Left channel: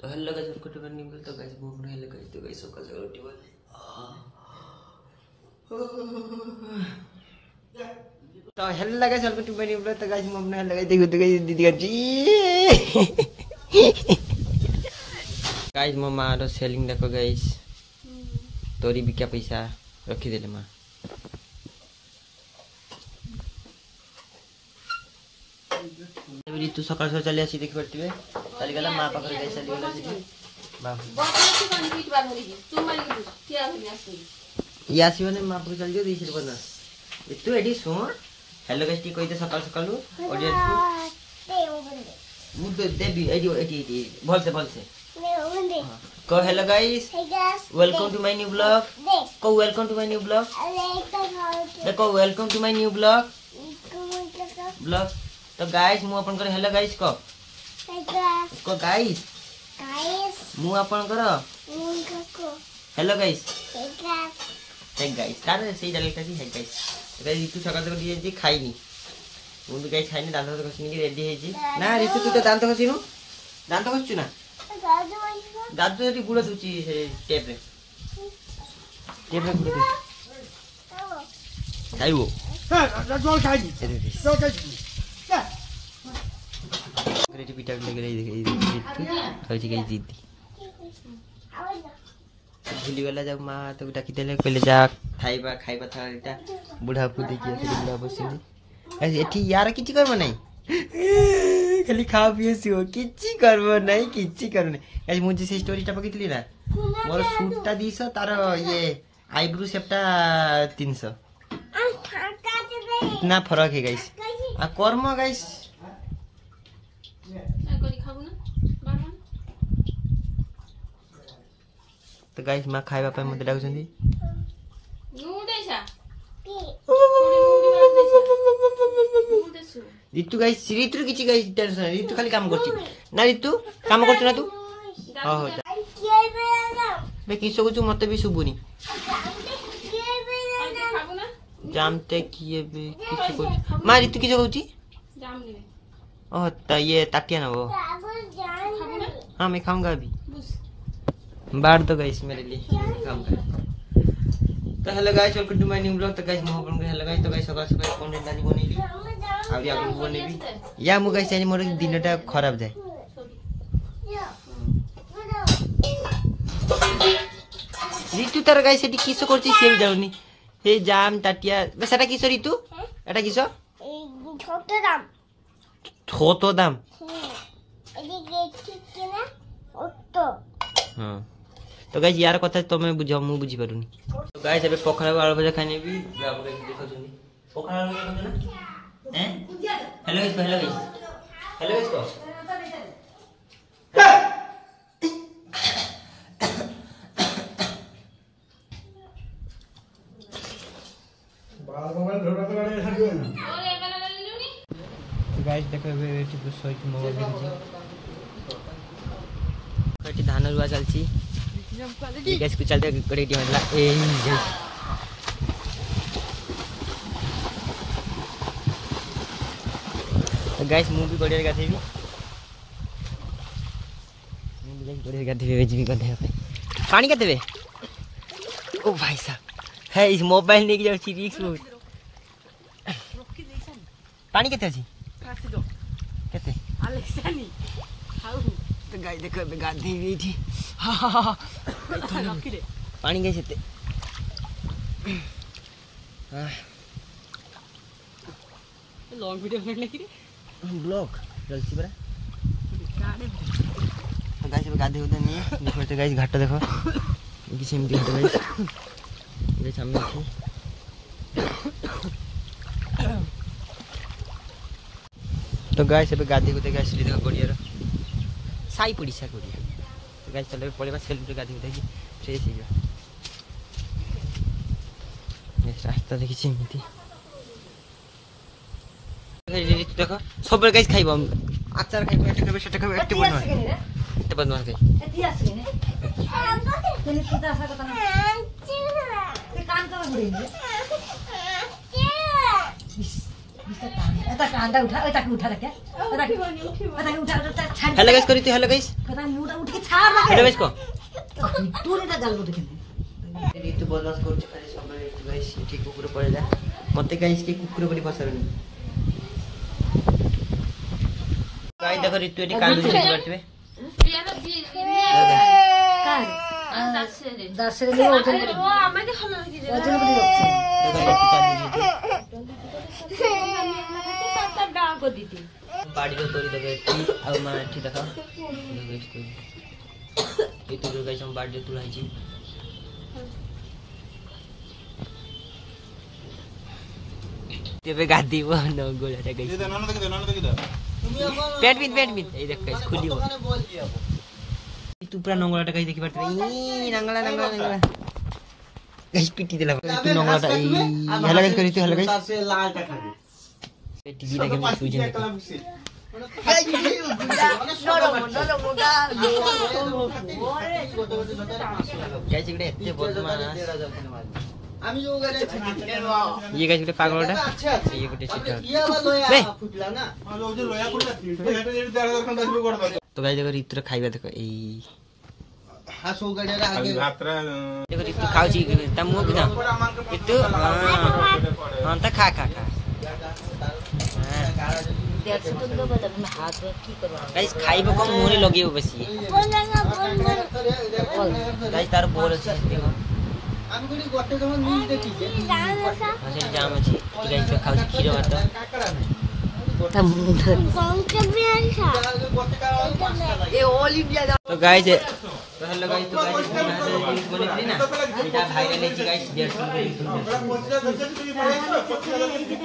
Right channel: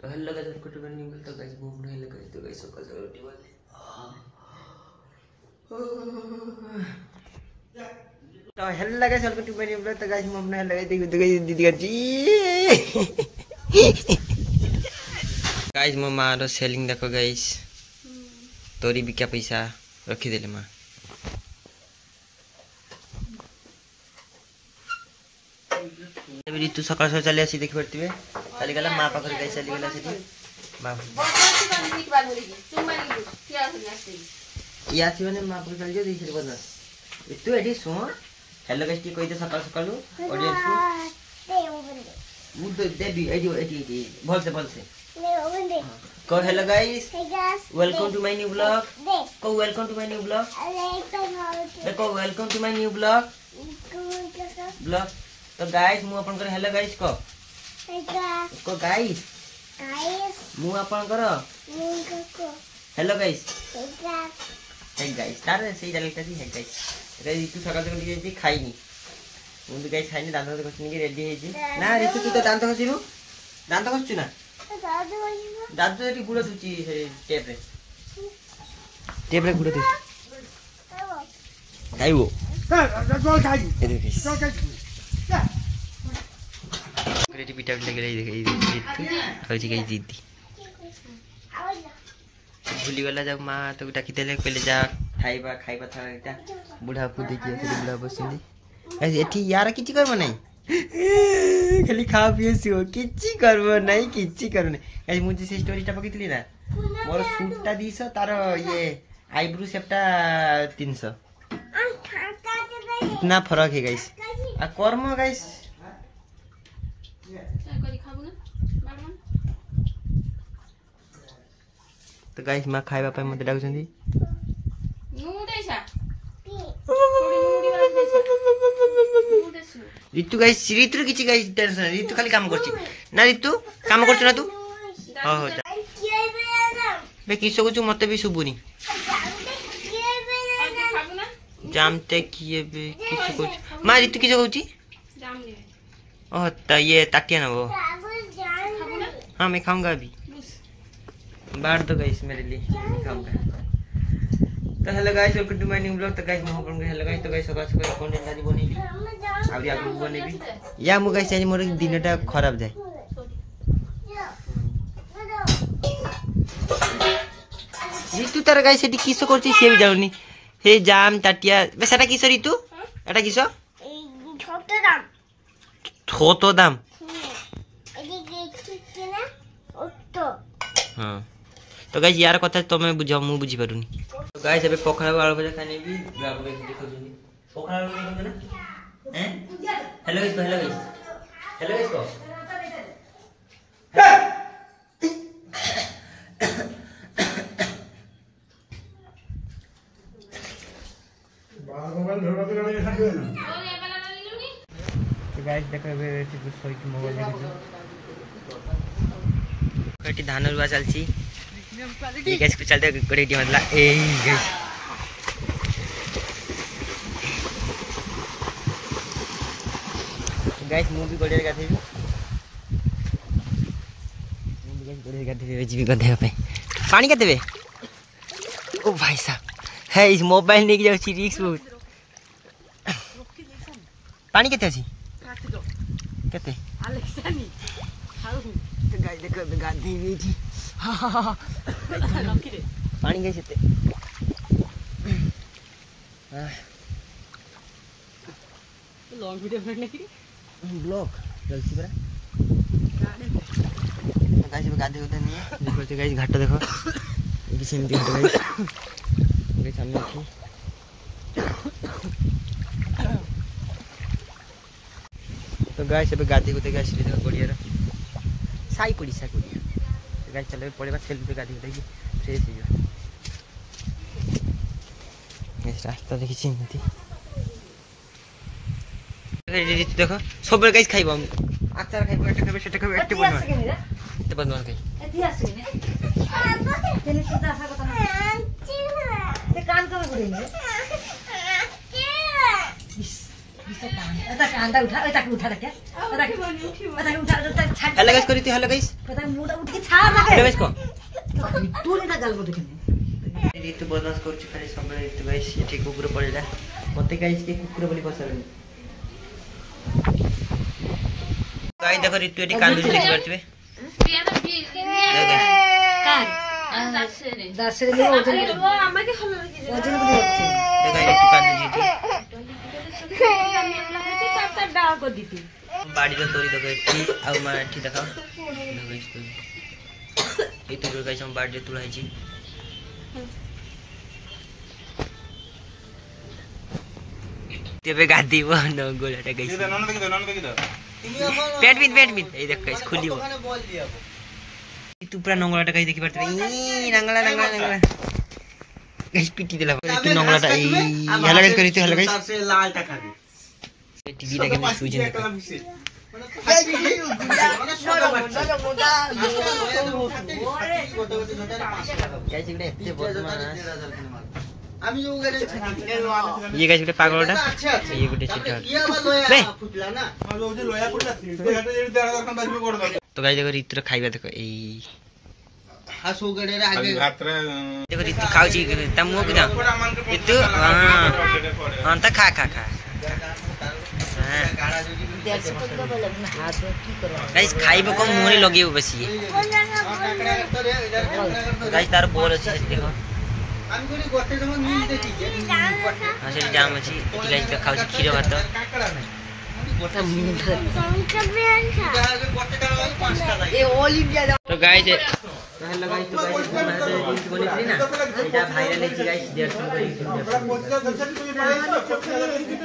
तो hello guys welcome to my new video. तो guys वो अपने हेलो गाइस तो गाइस सकाळ सकाळ उठी बोलले तो hello guys welcome to my new video. तो गाइस मैं अपने हेलो गाइस देखो तो गाइस दीदी करची गाइस मो मारो सेलिंग देखो गाइस तोरी भी क्या पैसा रखी देले मां ऋतु सकाळ सकाळ चली आसी देखि परतिबे चली गला मां पाखर गाइस चली गला से बाबू यासी माने मां पाखर चली जो 20 रुपया ना तू एडी सो हेलो गाइस टी कोइ तो सकाळ सकाळ ऑडियंस को मुद देबी एडी बोल से को hello guys welcome to my new blog को welcome to my new blog देखो welcome to my new blog तो गाइस मु अपन कर हेलो गाइस को गाइस मु अपन कर हेलो गाइस हे गाइस तारे सेही डाल का हे गाइस ऋतु सकाळ तो जे खाइनी मु तो गाइस खाइनी दांत तो खसिनी के रेडी हेजी ना ऋतु तू तो दांत खसिनु दांत खसछु ना दादू एटी गुड़ दुची से टेप रे गुड़ दे खाइबो हां जल खाइबी रेडी पिटा लगे हौची गई दीदी भूली गला जब मां तो डाकी देले कहले जा खाइबा था एटा बुढ़ा को देखिए से बुढ़ा बसनी एठी यार किछि करबो नै खाली खा पिए सिओ किछि करबो नै गाइस मुझे सी स्टोरीटा पकितली ना मोर सूटटा 200 तार ये आईब्रो शेपटा 300 इतना फर्क है गाइस आ कर्म गाइस तो गाइस मां खाइबा पे मते डाकुछंदी ऋतु गाइस ऋतु किछि गाइस टेंशन ऋतु खाली काम करछि ना ऋतु काम करछ ना तू हो बे किसो कुछ मते भी सुबुनी जामते किए बे किसो कुछ मां ऋतु किसो कहउछि जाम ले ओह त ये ताटिया ना वो हां मैं खाऊंगा अभी बाहर तो गाइस मेरे लिए खाऊंगा। तो hello guys welcome to my new blog. तो गाइस मो अपन हेलो गाइस तो गाइस सकाळ सकाळ कंटेंट आज बनेबी आउरी आगु बनेबी या मु गाइस चाहि मोर दिनटा खराब जाय ऋतु तार गाइस एटी किसो करछि से भी जाउनी हे जाम ताटिया बे सेटा किसो ऋतु एटा किसो छोटो दाम हां तो गाइस यार कथा तमे बुझाओ मु बुझी पारुनी। तो गाइस एबे पखड़ा आलू भजा खानी भी बाबू गाइस देखो जनी पखड़ा आलू देखो ना हैं हेलो गाइस को तो गाइस देखो एबे एठी सोइट मोबाइल देखो कटी धान रुआ चलची गाइस को चलते गड़ेटी मतलब ए गाइस तो गाइस मु भी गड़े गाथेबी जीवी गधे पे पानी केते ओ भाई साहब है इस मोबाइल लेके जाउ छी रिक्स बहुत पानी केते छी केते आलेसानी खाऊ तो गाइस देखो गाधी भी थी पानी कैसे थे लॉन्ग वीडियो बनाने की ब्लॉग जल्दी बरा तो गाइस गाधी होता नहीं है देखो तो गाइस घाट देखो किसी में घाट गाइस ये सामने थी तो गाइस अब गाधी होते गाइस देखो बढ़िया साई पड़ीसा कोडिया तो गाइस चले पड़ेबा सेल्फी गाधी उठाई फ्रेश हो जा रास्ता देखि चिमती देखो सब गाइस खाइबो अचार खाइबो एटा खाइबो सेटा खाइबो एटे बनवा खाइ एति आसने तेने सीधा सा कथा ते काम कर गुडी कांदा उठा उठा रखे हेलो गाइस करी हेलो गाइस पता मुंह उठ के छाड़ लगे हेलो गाइस को तू ने डाल को देखे ऋतु बदमाश कर खाली सब ऋतु गाइस ये ठीक कुकुर पड़ेला मते गाइस के कुकुर बोली पसरनी गाइस देखो ऋतु एटी कालू देख परतबे दस रे ओजन देखो ऋतु कालू डाल को दीती बाड़ी रो तोरी दगे टी आ मा ठी देखा गाइस तो ये तो गाइस हम बाड़ी तुड़ाई छी तेबे गादी वो न गोलाटा गाइस पेट बिन ए देख गाइस खुली वो तू पूरा नंगलाटा गाइस देखि परते ई नंगला गाइस पिटी देला तू नंगलाटा ई हेला गाइस करी तू हेला गाइस से लालटा खा दे टीवी देखे मैं सुई जन गाइस इकडे एते बदमाश আমি जो गरे ये गाइस गुटे पागलटा ये गुटे चिट्टा बे जो लोया पुटा हेटे जे 1.5 घंटा बाजबे कोड तो गाइस देखो ऋतु खाइबा देखो ए हासो गडे रे आगे देखो ऋतु खाउ छी त मुंह बिना ऋतु हां त खा गाइस खाइबो कम मुंह रे लगियो बसी गाइस तार बोल अछि देखो আমি গুলি গটে যখন নিজ দেখি যে আসলে জাম আছে গাইস তো খাওছি ক্ষীর ভাত কাকড়া নাই গোটা সংকে বেরছা গটেটা 5টা লাগে এ অল ইন্ডিয়া তো গাইস তো हेलो गाइस तो गाइस मैं तो रील्स बनेली ना এটা ভাইরাল হইছে গাইস 150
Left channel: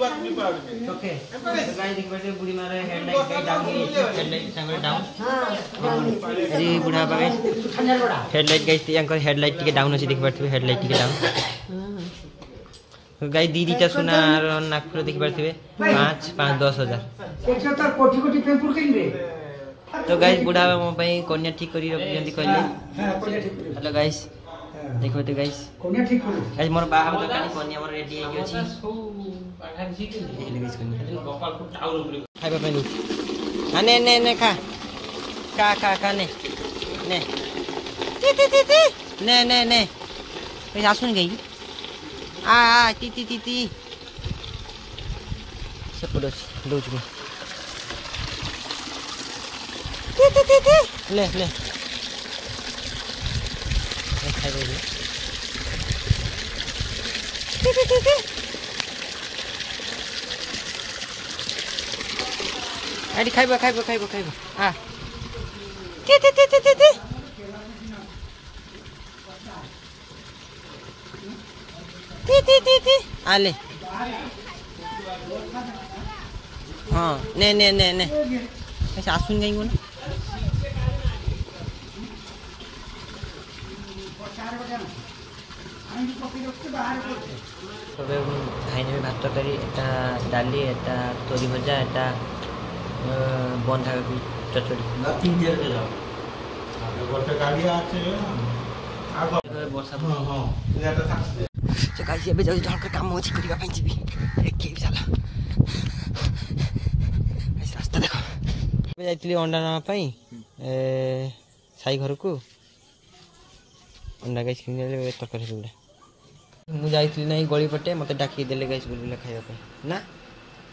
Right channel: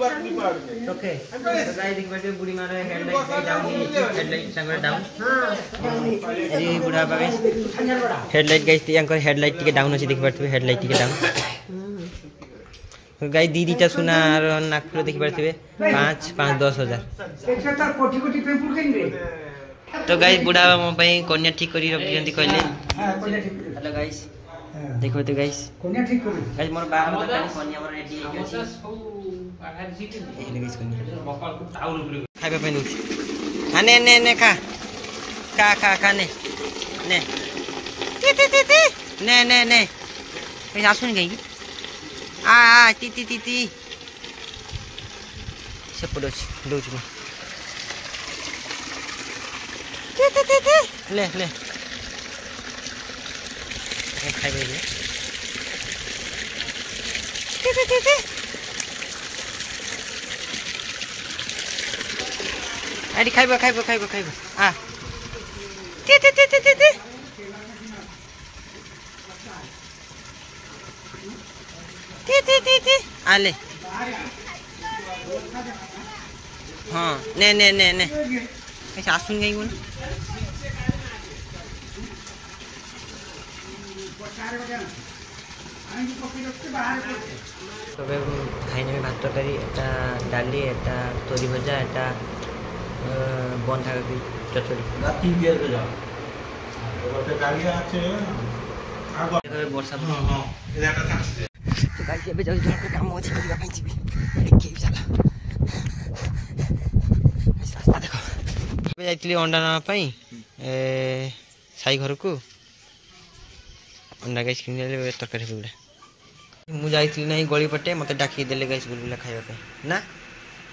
করে ओके तो गाइस देख बैठे बुढ़ी मारे हेडलाइट डाउन हेडलाइट संगे डाउन हां अरे बुढ़ा बागे हेडलाइट गाइस यांकर हेडलाइट टिके डाउन अछि देख बैठे हेडलाइट टिके डाउन तो गाइस दीदी ता सुना और नागपुर देख बैठे 5 10,000 एकटा तार कोटी कोटी पेपर किनबे तो गाइस बुढ़ा मो पई कन्या ठीक करी रखि जंती कहले हां कन्या ठीक हेलो गाइस देखो तो गाइस कन्या ठीक करू गाइस मोर बाहा तो कानी कन्या मोर रेडी हे अछि हेलो गाइस कन्या खाइबा पानी आने ने खा ने ने गाइस आसुन गई आ ती सब पड़ोस दोच में ले खाइबा हे अरे खाइबा आ आले हाँ ने ऐसे आसुन गई वो ना तबे खाइने में भात तरकारी एटा डाली एटा तोरी भजा एटा बंधा कोबी चचड़ी वर्षा गाइस एबे जाउ जन के काम अछि करिबा ପାଇଁ ଯିବି के साला रास्ता देखो एबे जाइतली अंडा ना ପାଇଁ साई घर को अंडा गाइस किनले तरकारी बुला मु जाइतली नहीं गली पटे मते डाकी देले गाइस बुलबुला खाइबा ପାଇଁ ना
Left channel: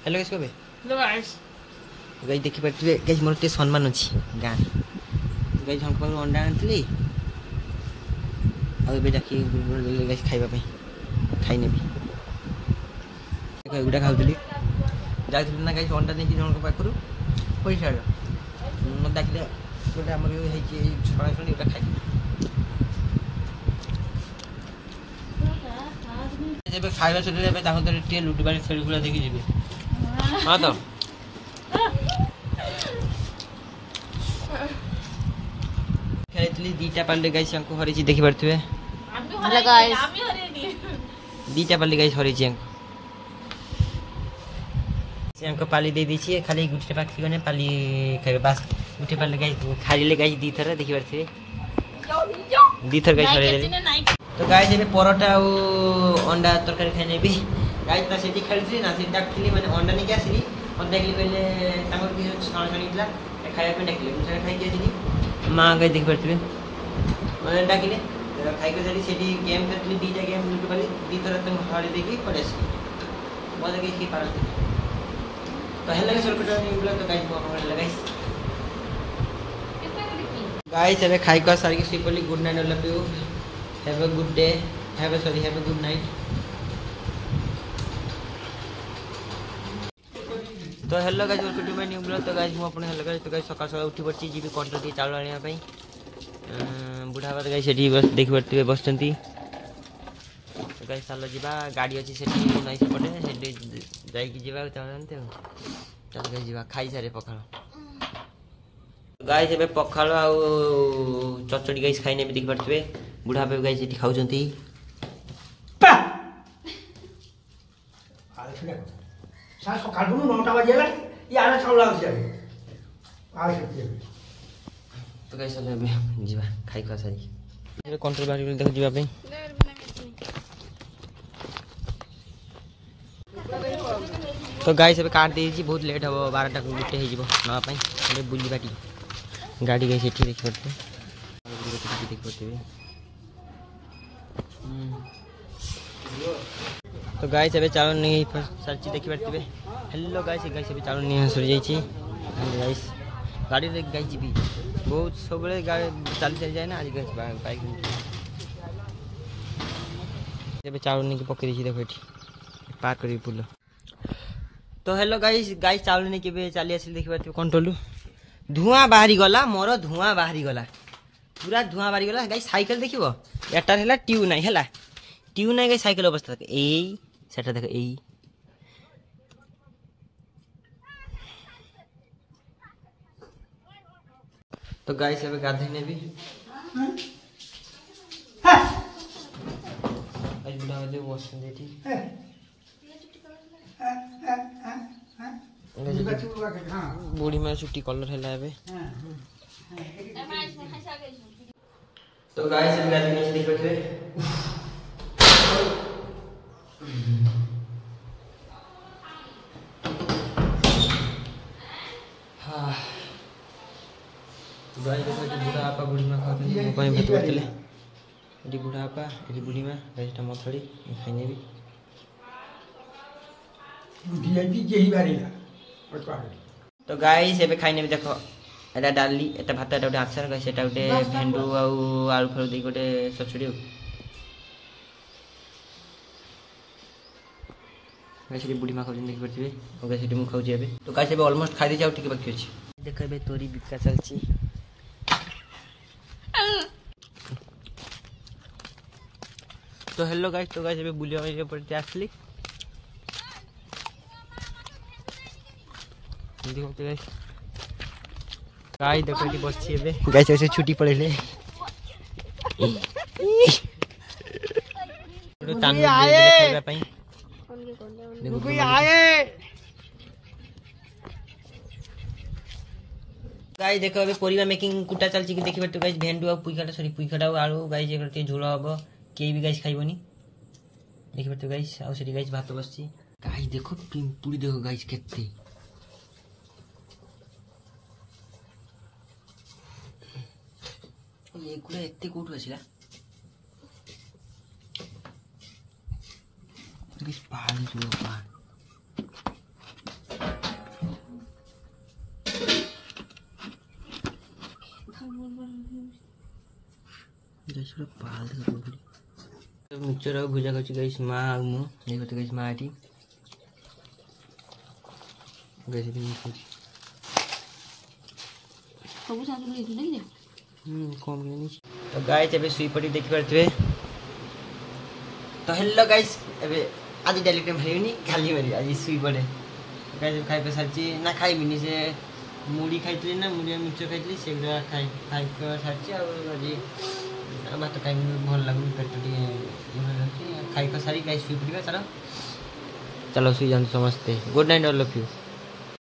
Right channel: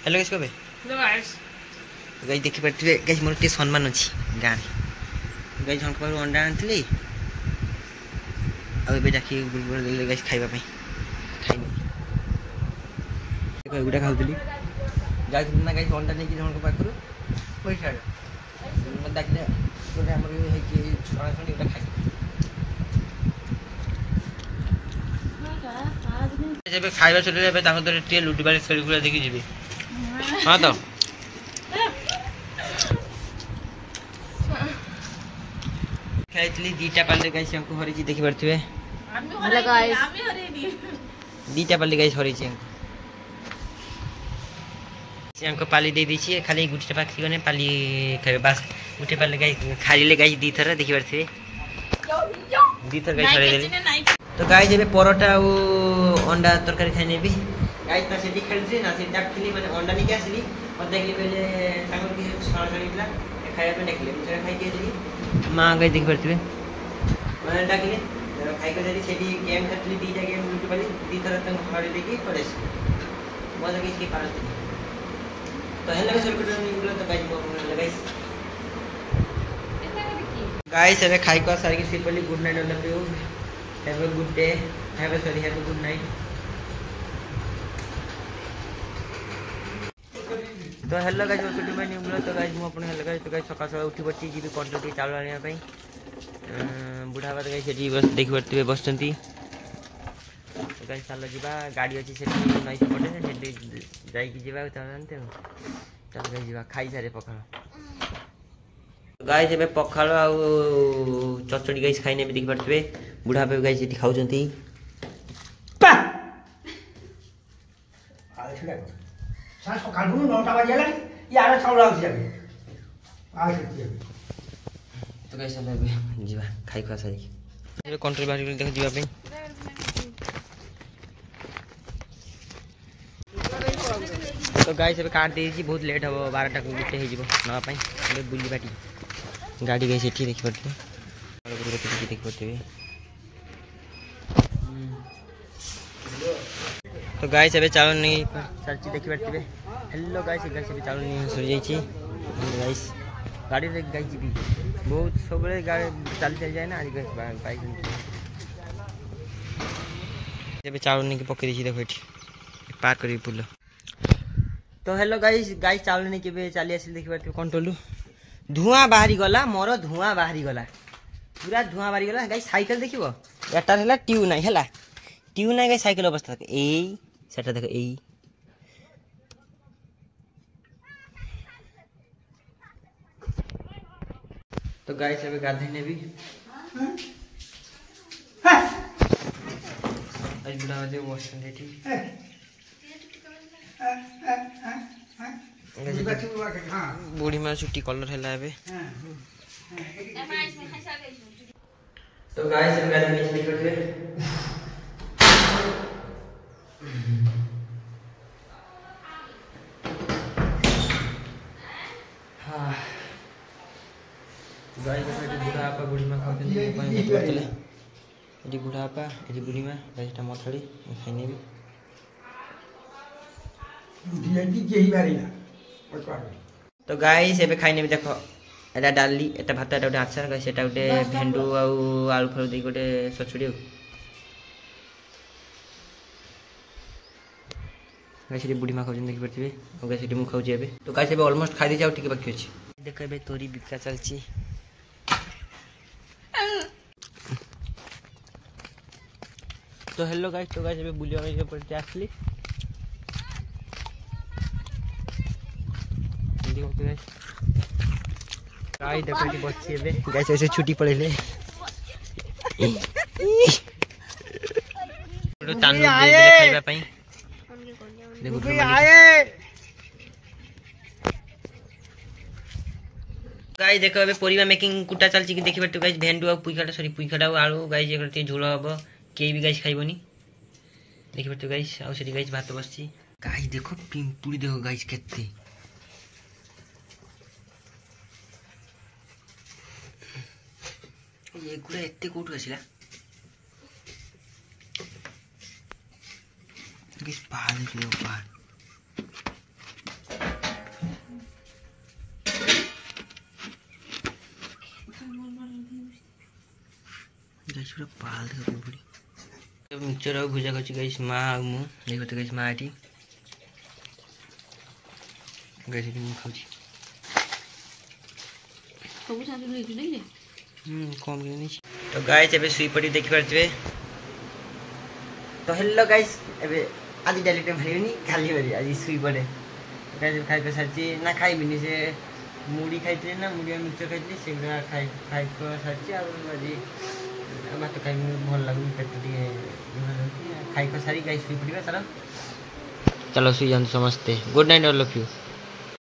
हेलो गाइस कबे हेलो गाइस गाइस देखि परथिबे गाइस मोर के सम्मान अछि गां गाइस हम पर अंडा आनतली अब एबे डाकी बुलबुला देले गाइस खाइबा ପାଇଁ खाइने देखो एगुडा खाउतली जाइतली ना गाइस अंडा नेकी जन को पाखरु पैसा मत डाकी दे एटा हमर हे कि छणा छणी एटा खाइ जब खाइबा छले एबे ताको तो टे लुटी बारी खेली खुला देखि जिबे हां तो खेलतली दीटा पाले गाइस हमको हरी चीज देखि परथिबे हेलो गाइस आमी हरी दीटा पाले गाइस हरी चीज हमको पाली दे दी छी खाली गुटी पाखी गने पाली खाइबे बस गुटी पाले गाइस खाली ले गाइस दी थर देखि परथिबे दी थर गाइस हरी देली तो गाइस एबे परोटा और अंडा तरकारी खाइने भी गाइस ता सेठी खेलथि ना से डाकली माने अंडा नहीं आसली और देखली पहले तांगर की छाना छानीला खाଇବା ପାଇଁ ଡାକିଲେ ମୁଁ ସେଟା ଖାଇକି ଆସିଲି ମା ଗାଇ ଦେଖି ପାରୁଥିବେ ମାନେ ଡାକିଲେ ଖାଇକି ଯାଇଲି ସେଠି ଗେମ୍ ଖେଳୁଥିଲି ଦୁଇଟା ଗେମ୍ ଲୁଟି ପାରି ଦୁଇଥର ତାଙ୍କୁ ହଳି ଦେଇକି ପଳେଇ ଆସିଲି ମଜା କିଛି ପାରନ୍ତି ତ ହେଲେ ସର୍କିଟ ନିବୁଲା ତ ଗାଇସ୍ ମୁଁ ଆପଣଙ୍କୁ ଗାଇସ୍ गाइस ଏବେ ଖାଇକି ସାରିକି ଶୋଇ ପଡିଲି good night all of you have a good day have a good night तो hello guys welcome to my new blog तो गाइस मु अपन हेलो गाइस तो गाइस सकाळ सकाळ उठी पड़ची जीबी कंट्रोल के चावल आनिया पई बुढ़ा बात गाइस सेठी बस देखि पड़तिबे बसचंती तो गाइस चलो जीवा गाड़ी अछि सेठी नई पटे सेठी जाई की जीवा जानते हो चल गाइस जीवा खाई सारे पखाल गाइस एबे पखाल आ चचड़ी गाइस खाइने भी देखि पड़तिबे बुढ़ा पे गाइस सेठी खाउचंती सास सकाल 9टा बजे ला यार छौला अछि आ छै तो गाइस चले भी जीवा खाई खा सारी एबे कंट्रोल बाहर देख जीवा पे तो गाइस एबे काट देजी बहुत लेट हो 12टा को गुटे हे जीवो नवा पई एबे बुली बाटी गाड़ी गाइस एठी देखि पड़ते देखि पड़ते तो गाइस एबे चावल नहीं सरची देखि पड़तिबे हेलो गाइस एबे चावल नहीं सर जाई छी गाइस गाड़ी रे गाइस जीबी बहुत सबले गाड़ी चल जाए ना आज गाइस बाइक एबे चावल नहीं के पके दी छी देखो एठी पार करी पुल तो हेलो गाइस चावल नहीं के चली आसिल देखि पड़तिबे कंट्रोल धुआं बाहरी गला मोर धुआं बाहरी गला पूरा धुआं बाहरी गला गाइस साइकिल देखिबो एटार हैला ट्यूब नाही हैला ट्यूब नाही गाइस साइकिल अवस्था ए सेटा देखो ए तो गाइस अबे गाधे ने भी आज बुढ़ा वाले वॉशरूम देती बूढ़ी में छुट्टी कलर हैला एबे तो गाइस अबे गाधे नीचे देख बैठे हां गाइस देखो बुढ़ा आपा बुढ़ी मां खाते हैं कोई भी बोतले एडी बुढ़ा आपा एडी बुढ़ी मां गाइस टा मथड़ी खाइने भी डीएनपी जेही बारी ना तो गाइस एबे खाइने भी देखो एटा डाली एटा भात एटा आचार गाइस एटा उटे भेंडू आ आलू फल दे गोटे सचुड़ी गाइस रे बुढ़ी मां खाउ देख परथिबे ओ गाइस रे मु खाउ जेबे तो गाइस एबे ऑलमोस्ट खाइ दे जाउ ठीक बाकी अछि देखो एबे तोरी बिका चलची तो हेलो गाइस एबे बुलिया में पड़ते आसली देखो तो गाइस देखो एटी बसची एबे गाइस ऐसे छुट्टी पड़ेले तो तानु दे खाइबा पई देखो आए गाइस देखो अबे परिवा मेकिंग कुटा चलची कि देखि बट गाइस भेंडू आ पुइखाटा आलू गाइस जे करते झोल हबो के भी गाइस खाइबोनी देखि बट गाइस आ सेठी गाइस भात बसची गाइस देखो पिंपुड़ी देखो गाइस केते ये गुड़ा एते कोठु आसिला गाइस पाल जो पाल गाइस पूरा पाल देखो पिंपुड़ी मिक्सचर आ भुजा करछि गाइस मा आ मु देखो तो गाइस मा आटी गाइस मु खाउछि सब साथ ले छु नहीं कम के नहीं तो गाइस एबे सुई पड़ी देखि परथिबे तो हेलो गाइस एबे आज डायरेक्ट भरियोनी खाली भरि आज सुई पड़े गाइस खाइ पे साची ना खाइ बिनी से मुड़ी खाइतले ना मुड़ी मिक्सचर खाइतली सेगुडा खाइ को साची आ आज बात खाइ भल लागु पेट टिके खाइ को सारी गाइस सुई पड़िबा चलो सुई जान समझते good night all of you.